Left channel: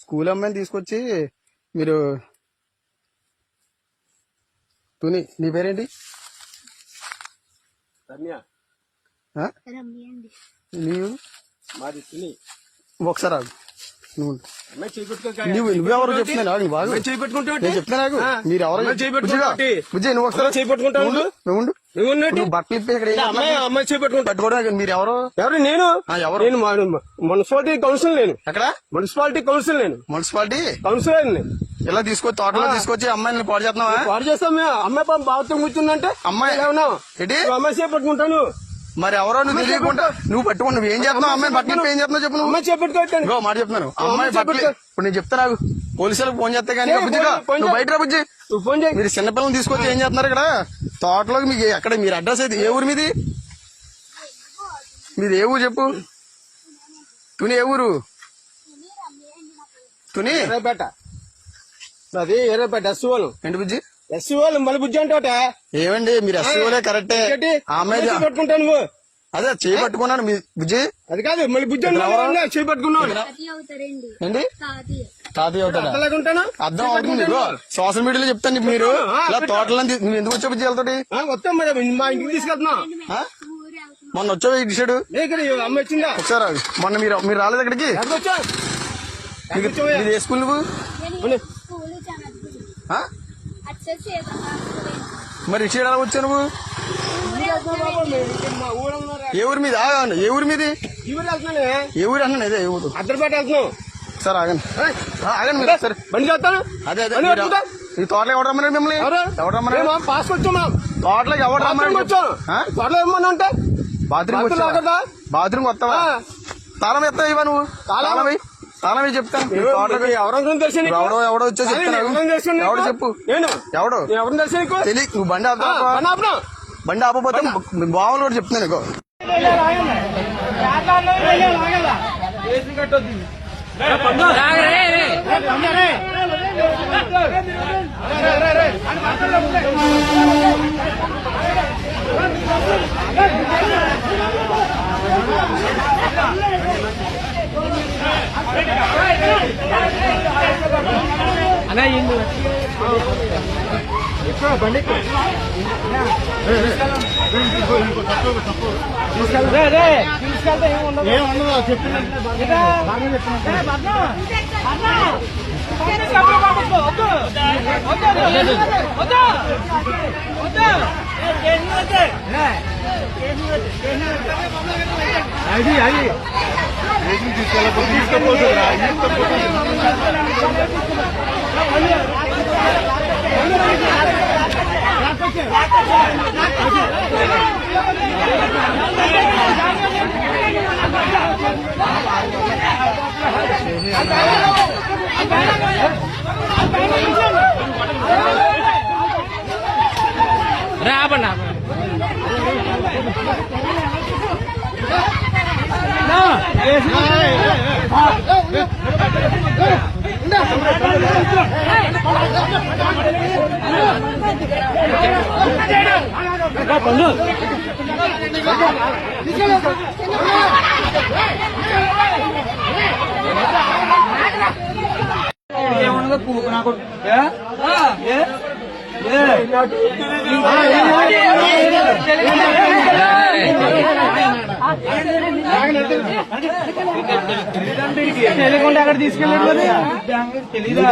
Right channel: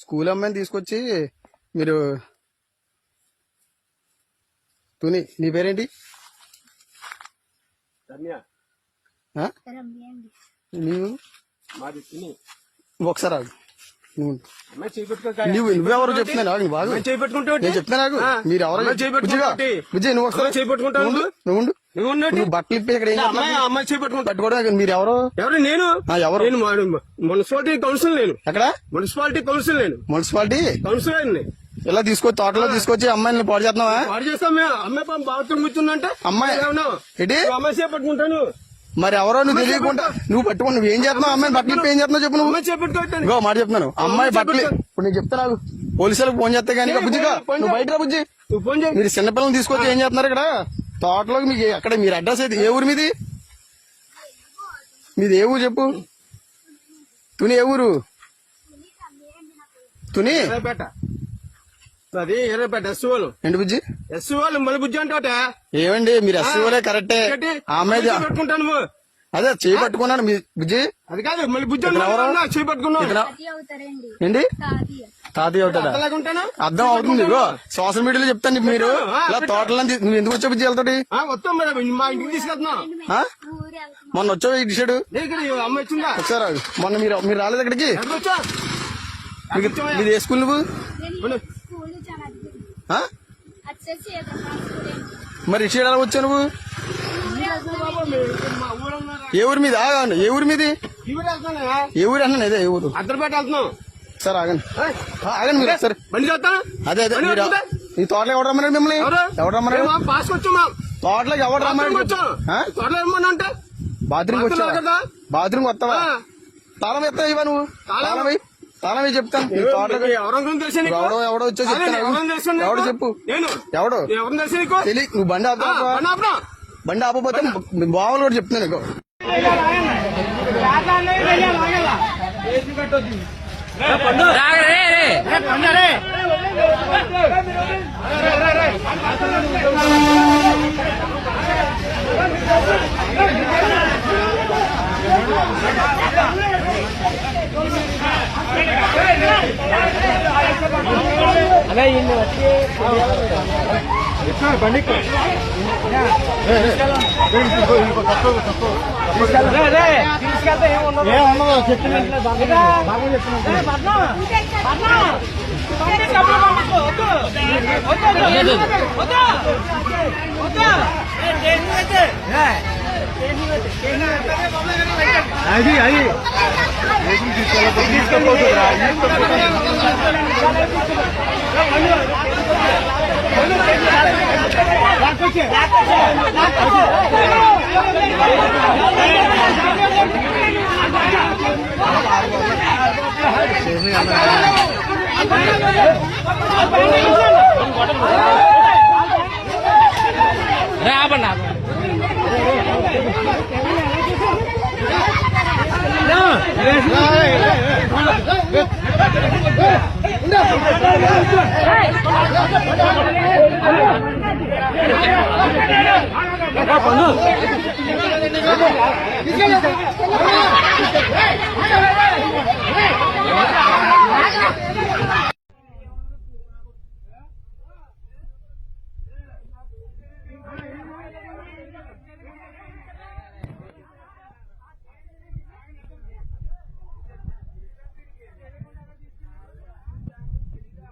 School అమ్మాయిని తీసుకొచ్చి మీరు తుని నీ పేరేంటి? నీవు ఒకసారి ఆగు. నువ్వెవరు చెప్తున్నాను బాగా నేను చెప్తున్నా నాకు మీరు ఎవరో బుజ్జి నువ్వు ఒకసారి నువ్వు బట్టలు ఇప్పి ఇక్కడ అమ్మాయి చేపట్టుకుంటా పట్టుకోవడం మీరు ఎవరు? ఎవరు? నేను మున్సిపాలిటీ కౌన్సిల్. నేను ఎక్కడ? Municipality council. నేను మున్సిపాలిటీ కౌన్సిలర్. ఇలా తీసుకొచ్చి తోటలో తీసుకొచ్చి అమ్మాయిని పాడు చేస్తున్నావా? పాడు చేస్తాం మేము. అమ్మాయి పాపం బాత్రూమ్ కూర్చుందంటే అమ్మాయి ఏంటి అమ్మాయి చేపట్టుకుంటాను. మరి ఎవరో నువ్వు తెలియకుండా నువ్వు పట్టుకో. నువ్వు ఏం చేస్తున్నావు? అమ్మాయి బట్టలు ఏం చేస్తున్నావు చెప్పు. నువ్వు చేపట్టుకోవట్లేదు. మాట చెప్తున్నాను. అమ్మాయి బట్టలు ఇప్పుడు నేను చెప్తా నాకు పోలీసులకు ఫోన్ చేస్తే కానీ బుజ్జిగా నువ్వు బయట రా బుజ్జి. మీరు చిన్నపిల్లలు తీసుకొచ్చి ఏం చేస్తున్నారు ఇక్కడ తోటలోకి? మీకు ఎక్కడ మీరు అడ్రస్ అయితే ఏ ఊరు మీది? మీది ఏ ఊరు చెప్పు. తుని ఏ ఊరు? తుని అది ఎర్రపేట ఎస్సీఓలు. ఏంటి బుజ్జి? ఎస్సీఓలు మళ్ళీ బుజ్జి అంటే ఏమండి మీరు ఎస్సీఓలే కరెక్టే. ఆమె పెట్టుకుంటాను నువ్వు అదే చేయి పెట్టుకున్నాను మీ బుజ్జి. అది కాదు మళ్ళీ బుజ్జి చేయి పెట్టుకున్నావు. ఏంటి తాతయ్య అవుతాడా? అర్థం అవుతుంది. సోషల్ మీడియాలో చెప్తాను. మీరు ఇలా తోటలో నువ్వు ఎందుకు వచ్చా బుజ్జి వెళ్తాడు? వస్తాం మేడం మా ఇంటికి తీసుకెళ్తున్నా. మొన్న వచ్చాడు ఇటు సైడ్ అమ్మ వచ్చిందా? వచ్చారా? మొన్న మీరు రాలేదు అక్కడికి? మీరు ఏ స్కూల్ నువ్వు? మరి ఇటు సైడ్ ఎలా వచ్చావు నువ్వు? ఏ ఊరి మీద? ఏ ఊరి మీది? ఏ ఊరు అన్నాను. అదే ఏ ఊరు? అద్దరిపేట వెళ్తున్నావు సార్. ఆగండి ఆగండి మీరు సరే బండి చేస్తాను. అదే అదే ఈ తోటలో ఎవరు రమ్మన్నాడు మిమ్మల్ని? ఎవరు రమ్మన్నాడు? పాస్ వచ్చాను. తోటలోకి ఎవరు రమ్మన్నాడు? తోటలో ఏమన్నా అంటే బాత్రూమ్ బాత్రూమ్ వస్తావా? తాళం ఎత్తావు ఇవా నువ్వు? తాళం చెప్తాను. ఎవడో వచ్చా చెప్తాను. ఎవడు చెప్పు. ఎవడు తెలియదు. నువ్వు బండి ఆపుతావా? బండి ఆపపోతే బావులు కూడా చెప్తున్నాను. బండి తీసుకెళ్తే ఏమన్నా చెప్పింది. అది తీసుకెళ్ళకపోతురా పండు తెలియకుండా అక్కడ తీసుకెళ్ళాడు. తెలీదా?